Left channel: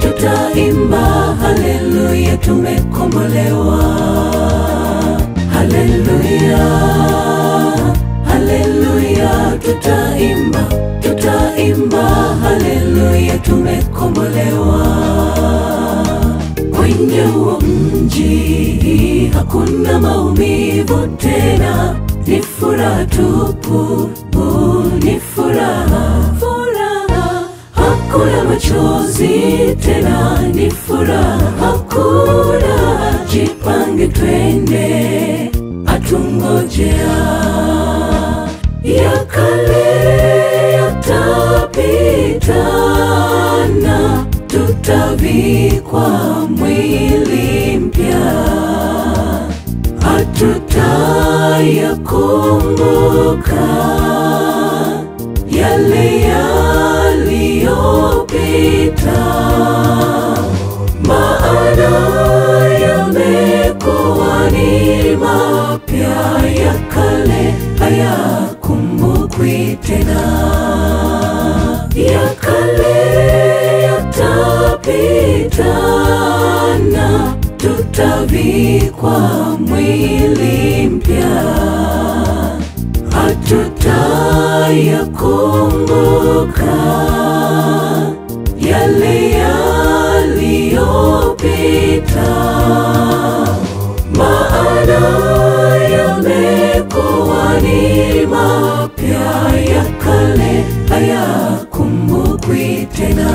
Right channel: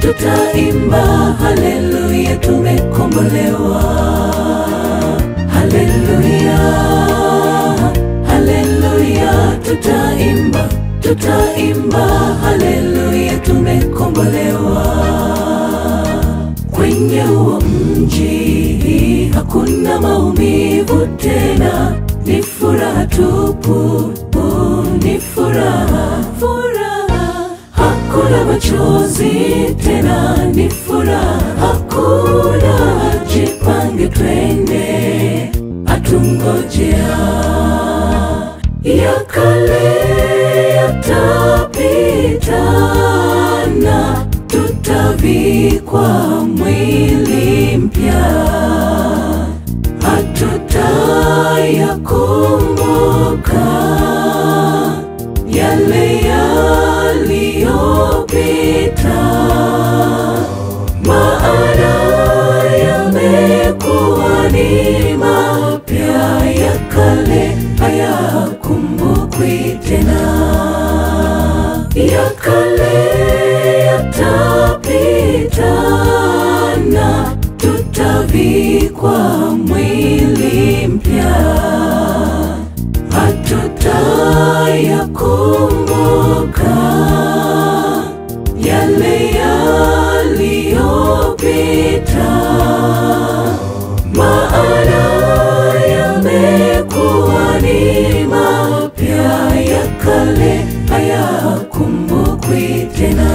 tutaimba haleluya, tumekombolewa. Haleluya, haleluya, tutaimba haleluya, tumekombolewa. Kwenye huo mji hakuna maumivu tena, ni furaha tupu, ni furaha. Hakuna machozi tena, ni furaha. Hakuna, jipange twende, atungojea. Ya kale yatapita na tutavikwa mwili mpya. Hatutayakumbuka yale yaliyopita, maana yamekuwa ni mapya. Ya kale hayakumbukwi tena. Ya kale yatapita na tutavikwa mwili mpya. Hatutayakumbuka yale yaliyopita, maana yamekuwa ni mapya. Ya kale hayakumbukwi tena.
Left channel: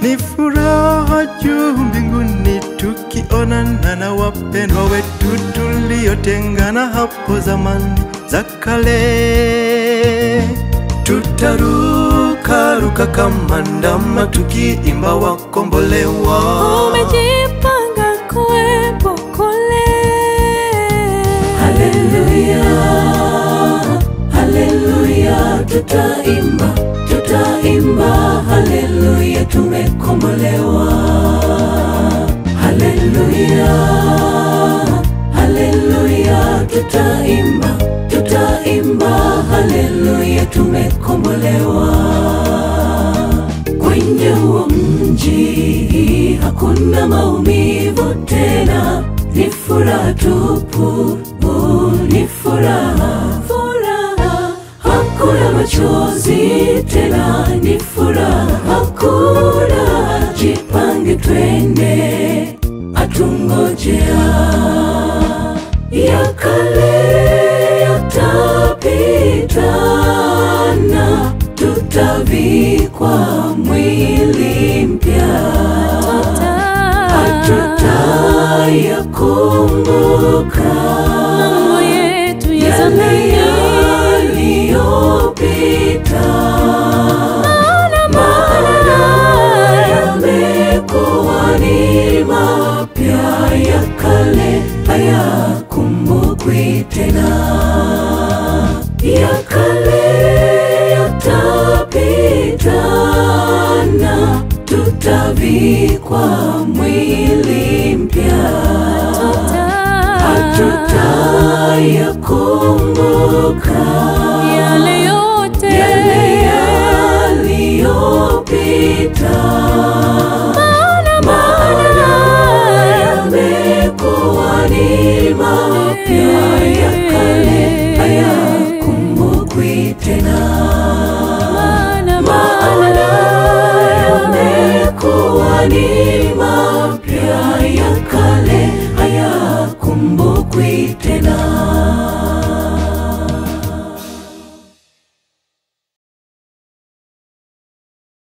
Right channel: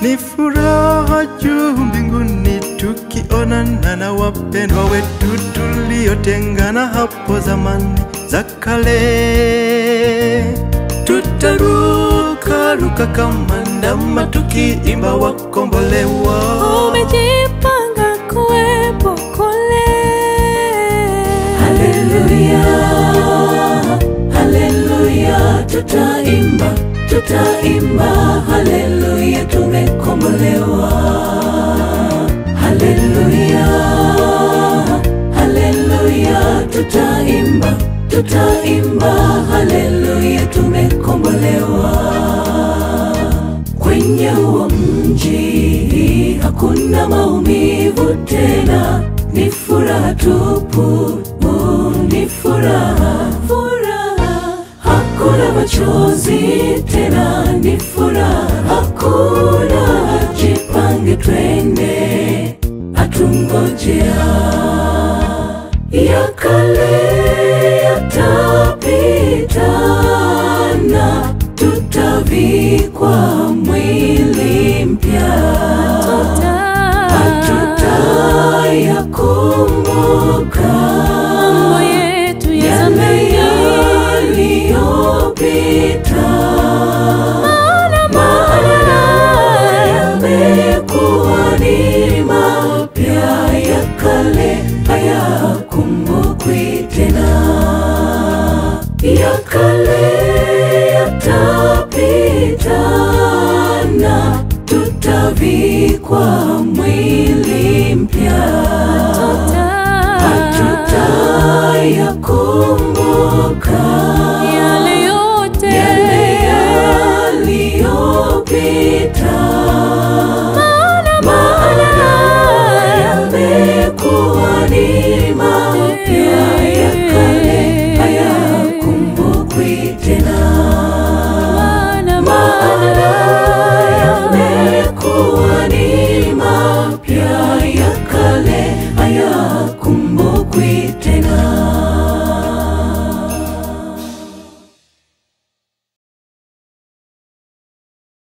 Ni furaha juu mbinguni tukionana na wapendwa wetu tuliotengana hapo zamani za kale. Tutaruka kama ndama tukiimba wakombolewa. Umejipanga kuwepo kule. Haleluya, haleluya, tutaimba haleluya, tumekombolewa. Haleluya, haleluya, tutaimba haleluya, tumekombolewa. Kwenye huo mji hakuna maumivu tena, ni furaha tupu, ni furaha. Hakuna machozi tena, ni furaha. Hakuna, jipange twende, atungojea. Ya kale yatapita na tutavikwa mwili mpya. Hatutayakumbuka mambo yetu ya zamani yaliyopita, maana yamekuwa ni mapya. Ya kale hayakumbukwi tena. Ya kale yatapita na tutavikwa